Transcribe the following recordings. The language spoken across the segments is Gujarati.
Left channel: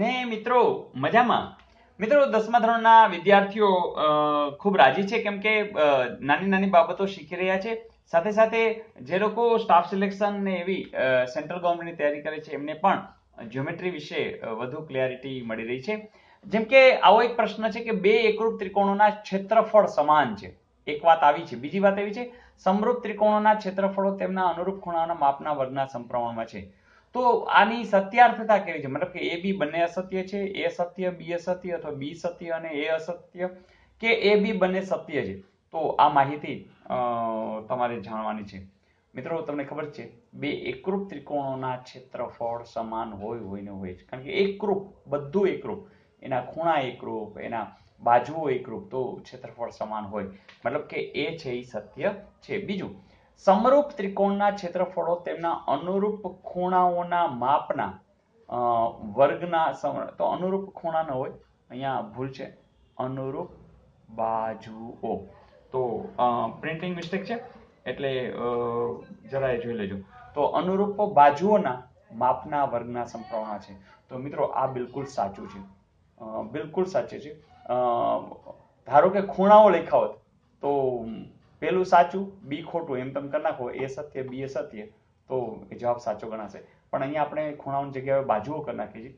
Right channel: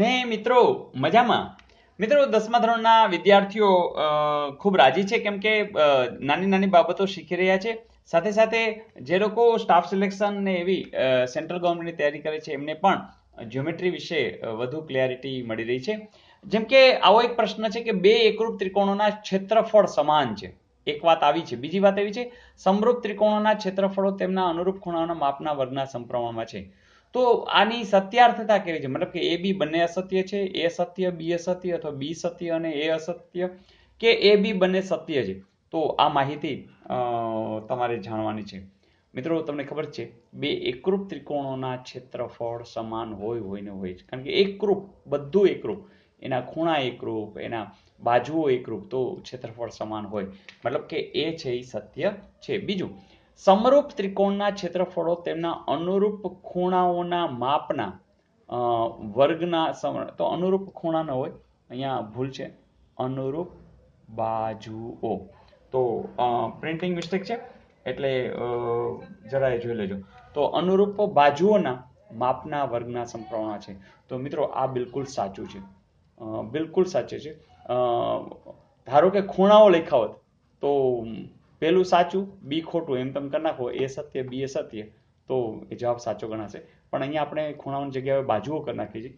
ને મિત્રો મજામાં? મિત્રો 10મા ધોરણના વિદ્યાર્થીઓ ખૂબ રાજી છે, કેમ કે નાની નાની બાબતો શીખી રહ્યા છે. સાથે સાથે જે લોકો સ્ટાફ સિલેક્શન ને એવી સેન્ટ્રલ ગવર્મેન્ટની તૈયારી કરે છે એમને પણ જ્યોમેટ્રી વિશે વધુ ક્લિયરિટી મળી રહી છે. જેમ કે આવો એક પ્રશ્ન છે કે બે એકરૂપ ત્રિકોણોના ક્ષેત્રફળ સમાન છે. એક વાત આવી છે. બીજી વાત એવી છે સમરૂપ ત્રિકોણોના ક્ષેત્રફળો તેમના અનુરૂપ ખૂણાઓના માપના વર્ગના સમપ્રમાણમાં છે. તો આની સત્યાર્થતા કેવી છે? મતલબ કે એ બી બંને અસત્ય છે, એ સત્ય બી અસત્ય, અથવા બી સત્ય અને એ અસત્ય, કે એ બી બંને સત્ય છે. તો આ માહિતી તમારે જાણવાની છે. મિત્રો તમને ખબર છે બે એકરૂપ ત્રિકોણોના ક્ષેત્રફળ સમાન હોય ને હોય, કારણ કે એકરૂપ, બધું એકરૂપ, એના ખૂણા એકરૂપ, એના બાજુઓ એકરૂપ, તો ક્ષેત્રફળ સમાન હોય, મતલબ કે એ છે એ સત્ય છે. બીજું, સમરૂપ ત્રિકોણના ક્ષેત્રફળો તેમના અનુરૂપ ખૂણાઓના માપના વર્ગના તો અનુરૂપ ખૂણા ન હોય, અહીંયા ભૂલ છે, અનુરૂપ બાજુઓ. તો પ્રિન્ટિંગ મિસ્ટેક છે એટલે જરા જોઈ લેજો. તો અનુરૂપ બાજુઓના માપના વર્ગના સમપ્રમાણ છે. તો મિત્રો આ બિલકુલ સાચું છે, બિલકુલ સાચું છે. ધારો કે ખૂણાઓ લખ્યા હોત તો પેલું સાચું બી ખોટું, એમ તમે કરી નાખો, એ સત્ય બી એ સત્ય, તો એ જવાબ સાચો ગણાશે. પણ અહીંયા આપણે ખૂણાઓની જગ્યાએ બાજુઓ કરી નાખી છે,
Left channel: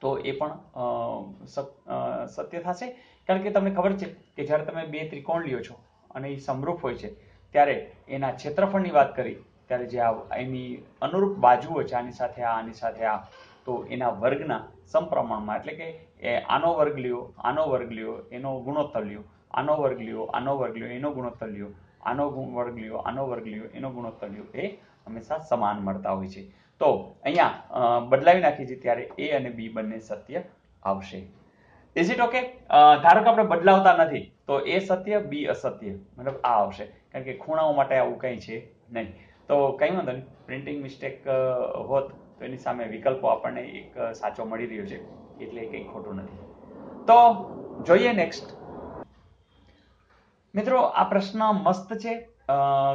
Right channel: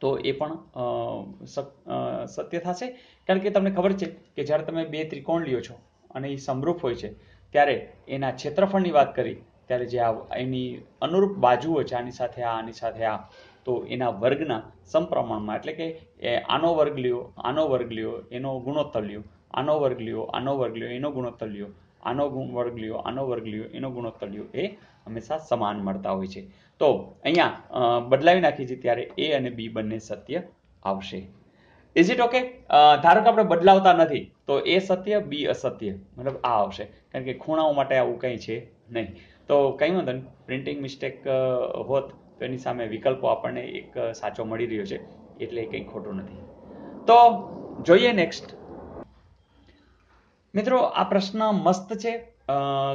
તો એ પણ સત્ય થશે. કારણ કે તમને ખબર છે કે જ્યારે તમે બે ત્રિકોણ લ્યો છો અને એ સમરૂપ હોય છે, ત્યારે એના ક્ષેત્રફળની વાત કરી ત્યારે જે એની અનુરૂપ બાજુઓ છે, આની સાથે આ, આની સાથે આ, તો એના વર્ગના સમપ્રમાણમાં, એટલે કે આનો વર્ગ લ્યો, આનો વર્ગ લ્યો, એનો ગુણોત્તર લ્યો, આનો વર્ગ લ્યો, આનો વર્ગ લ્યો, એનો ગુણોત્તર લ્યો, આનો વર્ગ લ્યો, આનો વર્ગ લ્યો, એનો ગુણોત્તર લ્યો, એ હંમેશા સમાન મળતા હોય છે. તો અહીંયા બદલાવી નાખી છે ત્યારે એ અને બી બંને સત્ય આવશે. Is it okay? ધારો કે આપણે બદલાવતા નથી તો એ સત્ય બી અસત્ય, મતલબ આ આવશે, કારણ કે ખૂણાઓ માટે આવું કંઈ છે નહીં. તો કંઈ વાંધો નહીં, પ્રિન્ટિંગ મિસ્ટેક હોત તો એની સામે વિકલ્પો આપણને એક સાચો મળી રહ્યો છે, એટલે કંઈ ખોટું નથી. તો જોઈએ નેક્સ્ટ. મિત્રો આ પ્રશ્ન મસ્ત છે,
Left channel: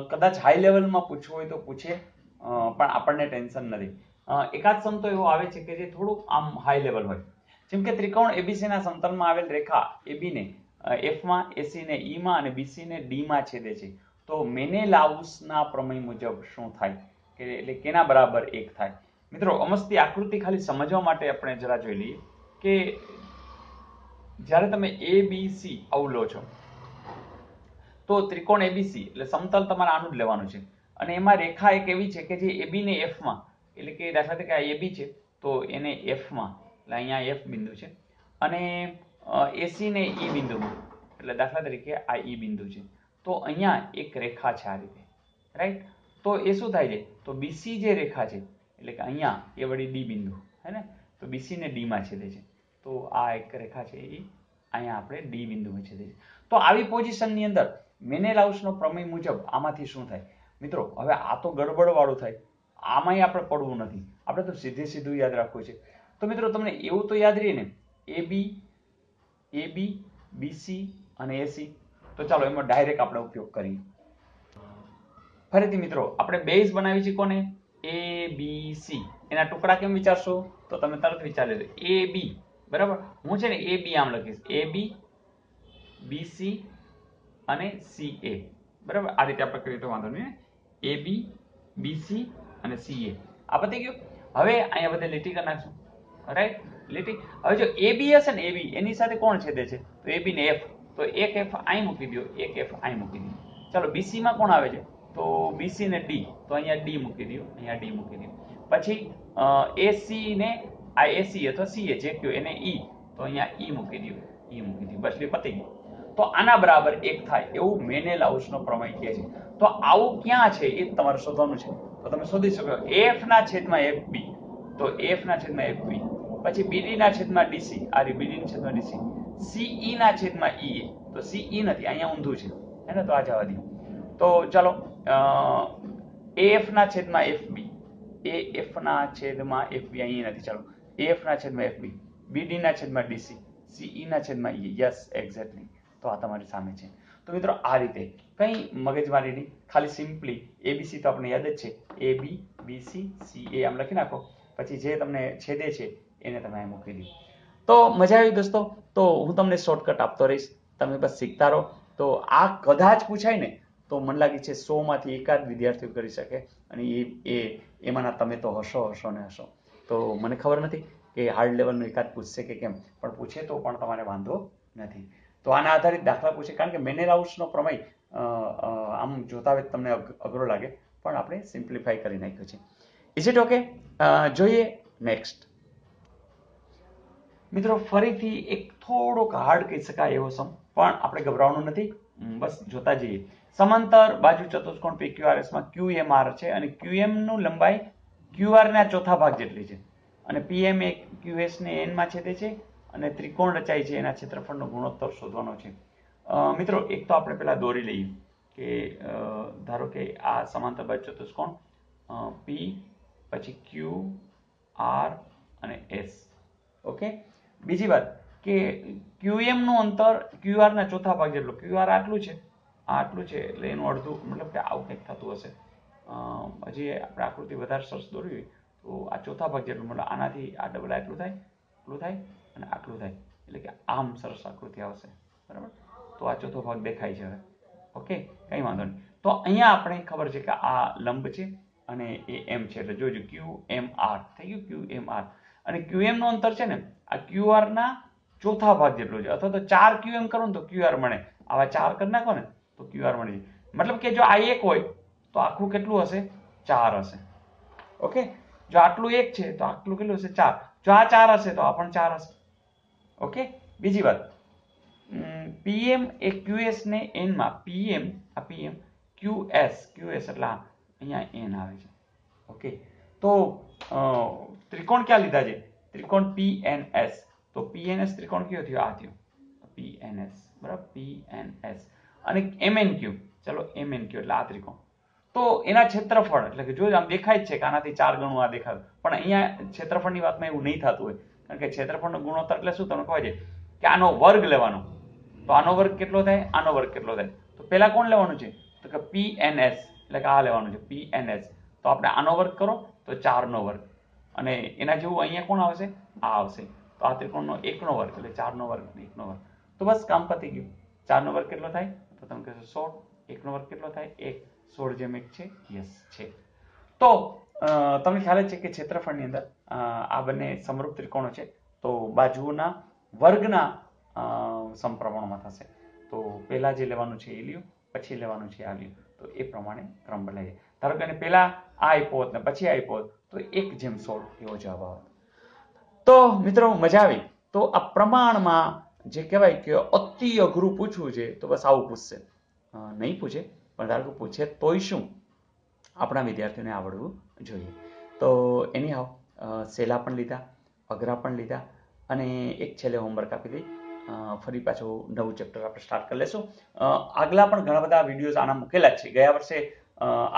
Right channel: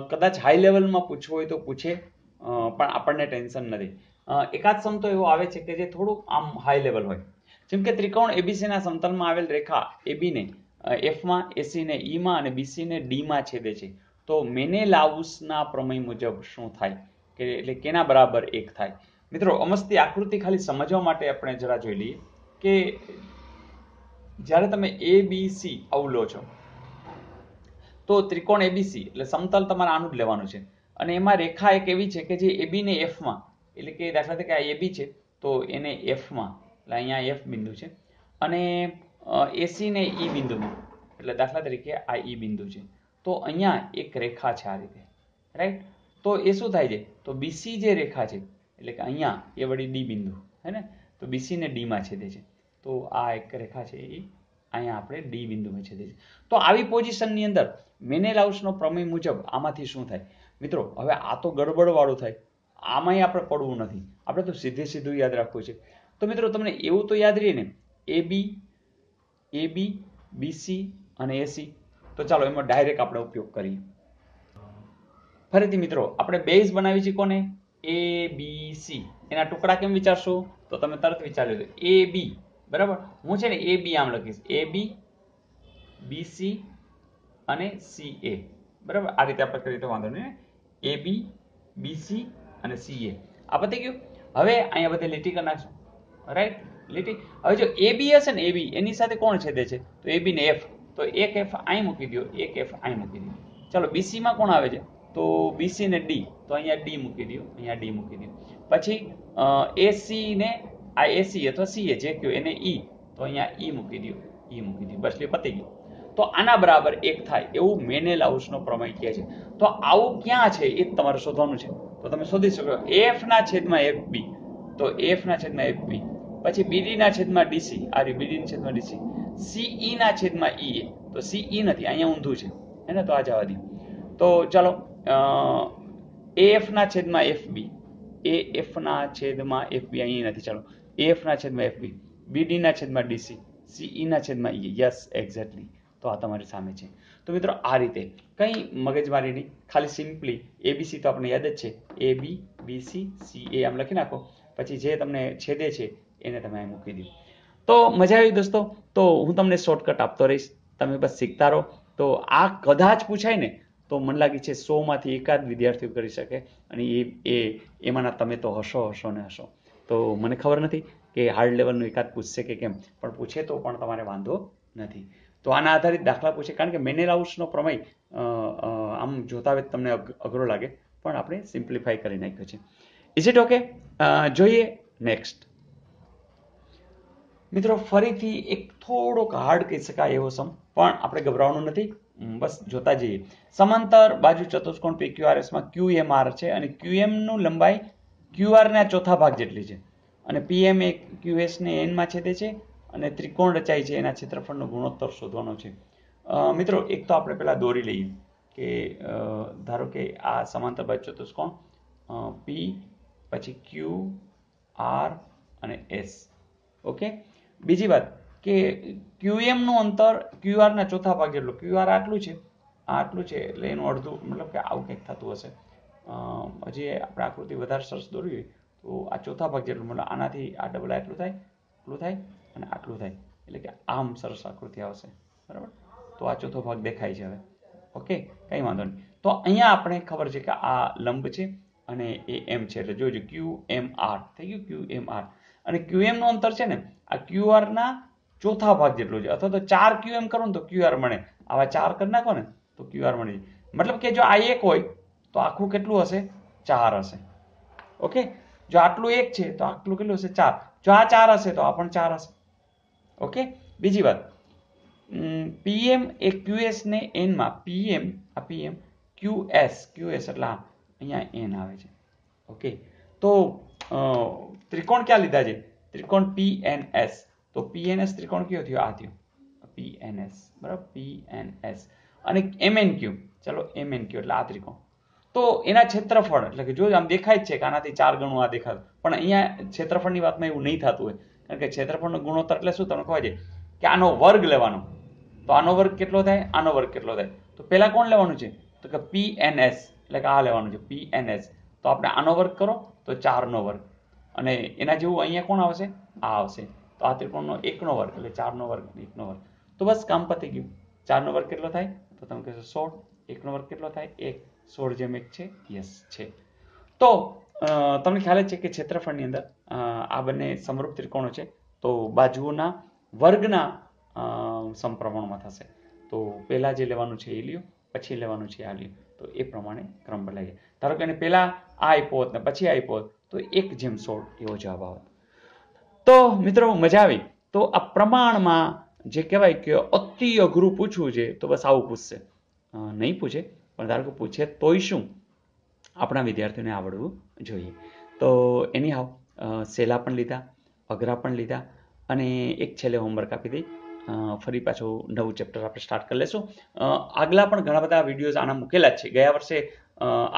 કદાચ હાઈ લેવલમાં પૂછવો હોય તો પૂછે, પણ આપણને ટેન્શન નથી. એકાદ સમ તો એવો આવે છે કે જે થોડું આમ હાઈ લેવલ હોય. જેમ કે ત્રિકોણ એબીસી ના સમતલમાં આવેલ રેખા એબી ને એફમાં, એસી ને ઈમાં અને બીસી ને ડીમાં છેદે છે. તો મેનેલાઉસના પ્રમેય મુજબ શું થાય, કે એટલે કેના બરાબર 1 થાય? મિત્રો અમસ્તી આકૃતિ ખાલી સમજવા માટે આપણે જરા જોઈ લઈએ કે જ્યારે તમે એબીસી આવું લો છો તો ત્રિકોણ એબીસી એટલે સમતલ તમારે આનું જ લેવાનું છે, અને એમાં રેખા એક એવી છે કે જે એબી ને એફમાં, એટલે કે દાખલા તરીકે આ એબી છે તો એને એફમાં, એટલે અહીંયા એફ બિંદુ છે, અને એસી ને ઈ બિંદુમાં, એટલે દાખલા તરીકે આ ઈ બિંદુ છે, તો અહીંયા એક રેખા છે આ રીતે, રાઈટ? તો એ શું થાય છે, તો બીસી જે રેખા છે, એટલે કે અહીંયા એ વળી ડી બિંદુ હે ને, તો બીસી ને ડીમાં છેદે છે, તો આ એક રેખા છે એ અહીંયા આપણે ડી બિંદુમાં છેદે છે. તો આવી પોઝિશનની અંદર મેનેલાઉસનો પ્રમેય મુજબ આમાંથી શું થાય? મિત્રો હવે આ તો ગડબડ વાળું થાય, આમાંય આપણે પડવું નથી, આપણે તો સીધું યાદ રાખવું છે. તો મિત્રો તમને એવું તો યાદ રહે ને, એબી, બીસી અને એસી. તો ચાલો એમાં ડાયરેક્ટ આપણે ઉપયોગ કરીએ. ફરીથી મિત્રો આપણે બેઝ બનાવી છે કોને? એ બી સી. એના ટુકડા કેમ વિચારશો તો તમે તરત વિચારી લો, એ બી, બરાબર? હું છે ને એ બી આમ લખીશ, એ બી, બીસી અને સી એ, બરાબર? આ રીતે આપણે કરીએ તો વાંધો નહીં. એ બી, બીસી અને સી એ, આ પતી ગયું. હવે અહીંયા બધે લીટી કરી નાખશું, રાઈટ? લીટી. હવે જો એ બી હશે ને, એ બી એની સાથે કોણ છેદે છે? તો એ બી ને એફ, તો એક એફ અહીં મૂકી દો, એક એફ અહીં મૂકી દો. ચાલો બીસી માં કોણ આવે છે? તો બીસી ને ડી, તો અહીંયા ડી મૂકી દો, અહીંયા ડી મૂકી દો. પછી એસી ને આ એસી અથવા સીએ જે કયો એને ઈ, તો અહીંયા ઈ મૂકી દો, ઈ મૂકી દો, બસ એટલે પતી ગયું. તો આના બરાબર 1 થાય એવું મેનેલાઉસનો પ્રમેય કહે છે. તો આવું ક્યાં છે એ તમારે શોધવાનું છે. તો તમે શોધી શકો એફ ના છેદમાં એફ બી, તો એફ ના છેદમાં એફ બી, પછી બીડી ના છેદમાં ડીસી, આ રી બીડી ના છેદમાં ડીસી, સીઈ ના છેદમાં ઈ, તો સીઈ નથી, અહીંયા ઊંધું છે હે ને, તો આ જવા દો. તો ચાલો એફ ના છેદમાં એફબી, એફ ના છેદમાં એફબી અહીંયા નથી, ચાલો એફ ના છેદમાં એફબી, બીડી ના છેદમાં ડીસી, સીઈ ના છેદમાં ઈ. Yes, exactly. તો આ તમારી સામે છે. તો મિત્રો આ રીતે કંઈ મગજમારી નહીં, ખાલી સિમ્પલી એબીસી તો આપણે યાદ જ છે, એ બી, બીસી, સી એ આમ લખી નાખો. પછી જે તમને છેદે છે એને તમે અહીં મૂકી દો. તો મજા આવી દોસ્તો. તો હું તમને શોર્ટકટ આપતો રહીશ, તમે બસ શીખતા રહો. તો આ કદાચ પૂછાય ને તો મને લાગે છે 100માંથી એકાદ વિદ્યાર્થીઓ કરી શકે, અને એમાંના તમે તો હશો ને હશો. તો મને ખબર નથી કે હાર્ડ લેવલનું એકાદ પૂછશે કે કેમ, પણ પૂછે તો પણ તમારે વાંધો નથી. તો આના આધારિત દાખલા પૂછે, કારણ કે મેનેલાઉસનો પ્રમેય આમ જોતા હોય તમને અઘરો લાગે, પણ આપણે સિમ્પ્લિફાય કરી નાખ્યો છે. Is it okay? જોઈએ નેક્સ્ટ. મિત્રો ફરીથી એક થોડોક હાર્ડ કહી શકાય એવો સમ, પણ આપણે ગભરાવાનું નથી, બસ જોતા જઈએ. સમાંતર બાજુ ચતુષ્કોણ PQRS માં QMR છે, અને QM નું લંબાઈ QR ના ચોથા ભાગ જેટલી છે, અને PM એ QS ને n માં છેદે છે, અને ત્રિકોણ રચાય છે એના ક્ષેત્રફળનો ગુણોત્તર શોધવાનો છે. મિત્રો એક તો આપણે પહેલા દોરી લઈએ કે ધારો કે આ સમાંતર બાજુ ચતુષ્કોણ P, પછી Q, R અને S. ઓકે. બીજી વાત કે QM નું અંતર QR ના ચોથા ભાગ જેટલું. QR આટલું છે, આટલું છે, એટલે એનું અડધું, મતલબ કે આવું કંઈક થતું હશે. હજી આપણે આકૃતિ વધારે સરસ દોરવી હોય તો આ ચોથા ભાગ જેટલું, મતલબ આનાથી આ ડબલ આટલું થાય, આટલું થાય અને આટલું થાય, એટલે કે આમ સરસ આકૃતિ આવશે. બરાબર. તો આ ચોથો ભાગ દેખાય છે હવે. ઓકે, કંઈ વાંધો નહીં. તો અહીંયા આપણે ખબર છે કે આ લંબ છે અને એ M છે, એટલે જોજો QMR થઈ ગયું, QMR. અને QM નું અંતર છે ને આ QR ના ચોથા ભાગ જેટલું છે, અથવા તો 4 QM કરો ને તો QR મળે. આવા 4 કરી નાખો ને તો QR મળે. મતલબ કે જો આ 1 હોય તો આખું કેટલું હશે? 4 હશે. ઓકે. જો આટલું 1 છે તો આટલું કેટલું હશે? 4. જો આ 4 હશે તો આ પણ 4 હશે. ઓકે. બીજી વાત, PM એ QS ને n માં, PM આ PM QS એટલે અહીંયા n આવે છે. ઓકે. તો ત્રિકોણ ક્યાં લીધા છે? ત્રિકોણ PNS. તો PNS ત્રિકોણ કયો થયો? આ થયો PNS. બરાબર, PNS. અને MNQ, ચલો MNQ એટલે આ ત્રિકોણ. તો એના ક્ષેત્રફળ, એટલે કે જો આમ દેખાય જ છે કે આનાથી 4 ગણું આ દેખાય, પણ અહીંયા ક્ષેત્રફળની વાતમાં એવું નહીં થતું હોય, કારણ કે ક્ષેત્રફળનો ગુણોત્તર એટલે શું તમને ખબર છે કે આનો વર્ગ લેવાનો. તો આનો વર્ગ કેટલો થાય? આનો વર્ગ કેટલો થાય? તો પહેલા કોણ લેવાનું છે? તો કે PNS, એટલે કે આ લેવાનું છે PNS. તો આપણે આનો વર્ગ કરો તો 4 નો વર્ગ, અને એના જેવું અહીંયા કોણ આવશે? આ આવશે. તો આ ત્રિકોણનો 1 નો વર્ગ એટલે 4 નો વર્ગ, 1 નો વર્ગ. તો બસ કામ પતી ગયું. 4 નો વર્ગ કેટલો થાય? તો તમે કહેશો 16. 1 નો વર્ગ કેટલો થાય? 1. 16 જેમ 1 છે. યસ છે. તો તમને ખ્યાલ જ છે કે ક્ષેત્રફળની અંદર આ બંને સમરૂપ ત્રિકોણો છે, તો બાજુઓના વર્ગના સમપ્રમાણમાં થશે. તો પહેલા જે લેવાનું છે એ લ્યો, પછી લેવાનું છે આ લ્યો. તો એ પ્રમાણે ક્રમ બદલાય. ધારો કે પહેલા આ આપ્યો હોત ને પછી આપ્યો હોત તો 1:16 એવો જવાબ આવે. તો મિત્રો મજા આવી. તો આ પ્રમાણમાં જે કહેવાય કે અતિ અઘરું પૂછવું છે તો બસ આવું પૂછશે. નહીં પૂછે પણ ધારો કે પૂછે તોય શું, આપણા વિદ્યાર્થીઓને આવડવું જોઈએ. તો એની સહેલા પણ લીધા, અઘરા પણ લીધા, અને એક છેલ્લે હોમવર્ક આપી દઈ. ફરી પાછું નવું ચેપ્ટર આપણે સ્ટાર્ટ કરી લેશું. આગલા પણ ઘણા બધા વિડીયોઝ આના મૂકેલા જ છે. ગયા વર્ષે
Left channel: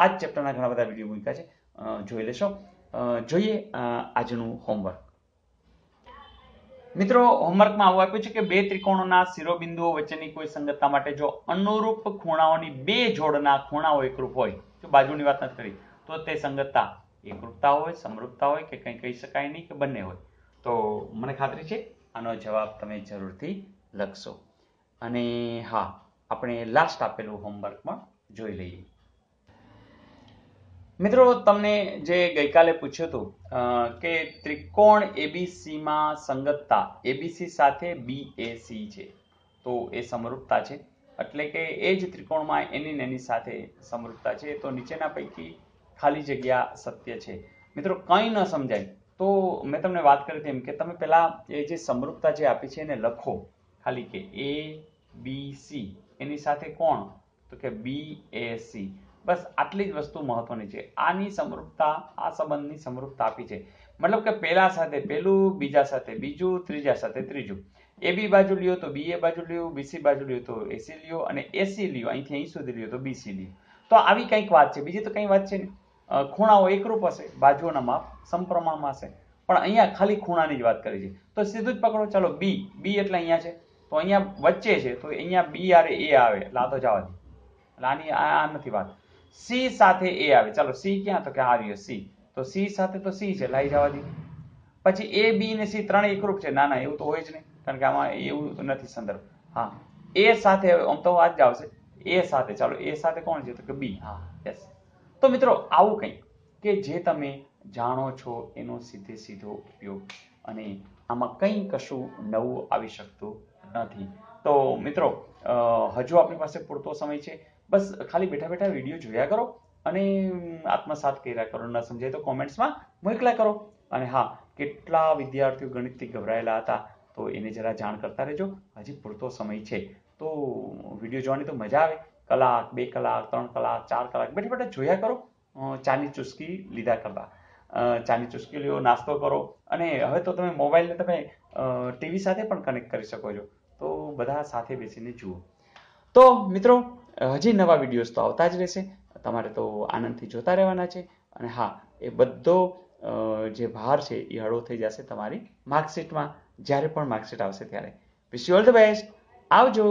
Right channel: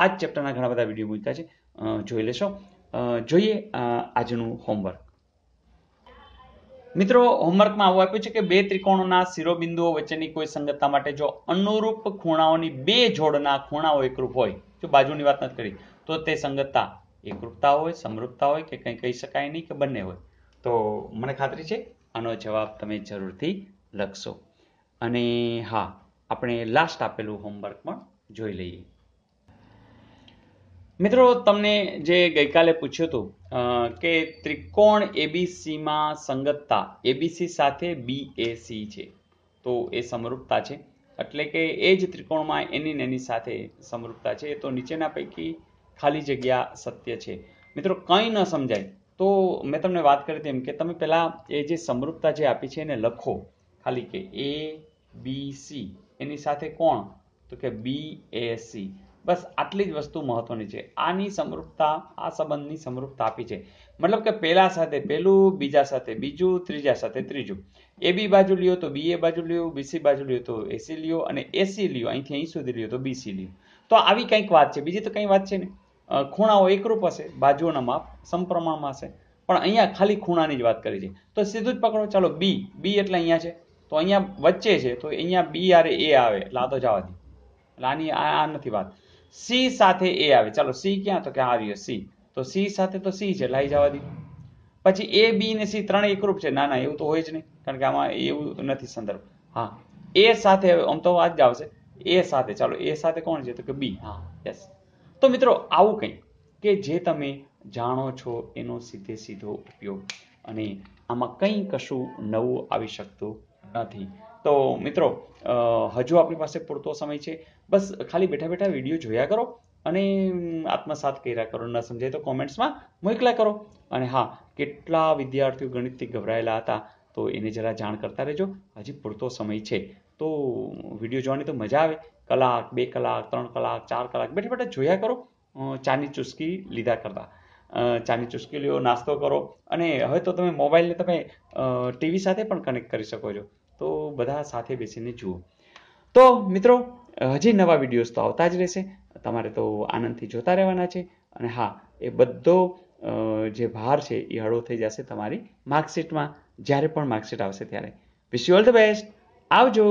આ જ ચેપ્ટરના ઘણા બધા વિડીયો મૂક્યા છે, જોઈ લેશો. જોઈએ આજનું હોમવર્ક. મિત્રો હોમવર્કમાં આવું આપ્યું છે કે બે ત્રિકોણોના શિરોબિંદુઓ વચ્ચેની કોઈ સંગતતા માટે જો અનુરૂપ ખૂણાઓની બે જોડના ખૂણાઓ એકરૂપ હોય, જો બાજુની વાત નથી કરી, તો તે સંગતતા એકરૂપતા હોય, સમરૂપતા હોય કે કંઈ કહી શકાય નહીં કે બંને હોય. તો મને ખાતરી છે આનો જવાબ તમે જરૂરથી લખશો. અને હા, આપણે લાસ્ટ આપેલું હોમવર્ક પણ જોઈ લઈએ. મિત્રો તમને જે ગઈકાલે પૂછ્યું હતું કે ત્રિકોણ એબીસીમાં સંગતતા એબીસી સાથે બીએસી છે, તો એ સમરૂપતા છે, એટલે કે એ જ ત્રિકોણમાં એની સાથે સમરૂપતા છે. તો નીચેના પૈકી ખાલી જગ્યા સત્ય છે. મિત્રો કંઈ ન સમજાય તો મેં તમને વાત કરી હતી એમ કે તમે પહેલા એ જે સમરૂપતા જે આપી છે એને લખો ખાલી, કે એ બી સી એની સાથે કોણ? તો કે બીએસી. બસ આટલી જ વસ્તુ મહત્વની છે. આની સમરૂપતા, આ સંબંધની સમરૂપતા આપી છે. મતલબ કે પહેલા સાથે પહેલું, બીજા સાથે બીજું, ત્રીજા સાથે ત્રીજું. એ બી બાજુ લ્યો તો બી એ બાજુ લ્યો, બીસી બાજુ લ્યો તો એસી લ્યો, અને એસી લ્યો અહીંથી અહીં સુધી લ્યો તો બીસી લ્યો. તો આવી કંઈક વાત છે. બીજી તો કંઈ વાત છે ને. ખૂણાઓ એકરૂપ હશે, બાજુઓના માપ સમપ્રમાણમાં હશે, પણ અહીંયા ખાલી ખૂણાની જ વાત કરી છે. તો સીધું જ પકડો. ચાલો બી એટલે અહીંયા છે, તો અહીંયા વચ્ચે છે, તો અહીંયા બી આરે એ આવે, એટલે આ તો જવા દે, એટલે આની આ નથી વાત. સી સાથે એ આવે, ચાલો સી ક્યાં? તો કે આ રહ્યો સી, તો સી સાથે તો સી છે, એટલે અહીં જવા દે. પછી એ બી ને સી ત્રણેય એકરૂપ છે? ના ના, એવું તો હોય જ નહીં, કારણ કે આમાં એવું નથી સંદર્ભ. હા, એ સાથે આમ તો આ જ આવશે, એ સાથે. ચાલો, એ સાથે કોણ છે? તો કે બી. હા, યસ. તો મિત્રો, આવું કંઈ કે જે તમે જાણો છો એનો સીધે સીધો ઉપયોગ, અને આમાં કંઈ કશું નવું આવી શકતું નથી. તો મિત્રો, હજુ આપણી પાસે પૂરતો સમય છે. બસ ખાલી બેઠા બેઠા વિડીયો જોયા કરો અને આત્મસાત કર્યા કરો. ન સમજાય તો કોમેન્ટ્સમાં મોકલ્યા કરો. અને હા, કેટલા વિદ્યાર્થીઓ ગણિતથી ગભરાયેલા હતા, તો એને જરા જાણ કરતા રહેજો. હજી પૂરતો સમય છે, તો વિડીયો જોવાની તો મજા આવે. કલાક, 2 કલાક, 3 કલાક, 4 કલાક બેઠા બેઠા જોયા કરો, ચાની ચુસ્કી લીધા કરતા. ચાની ચુસ્કી લ્યો, નાસ્તો કરો, અને હવે તો તમે મોબાઈલને તમે ટીવી સાથે પણ કનેક્ટ કરી શકો છો. તો બધા સાથે બેસીને જુઓ. તો મિત્રો, હજી નવા વિડીયોઝ તો આવતા જ રહેશે. તમારે તો આનંદથી જોતા રહેવાના છે. અને હા, એ બધો જે ભાર છે એ હળવો થઈ જશે તમારી માર્કશીટમાં, જ્યારે પણ માર્કશીટ આવશે ત્યારે. Wish you all the best. આવજો.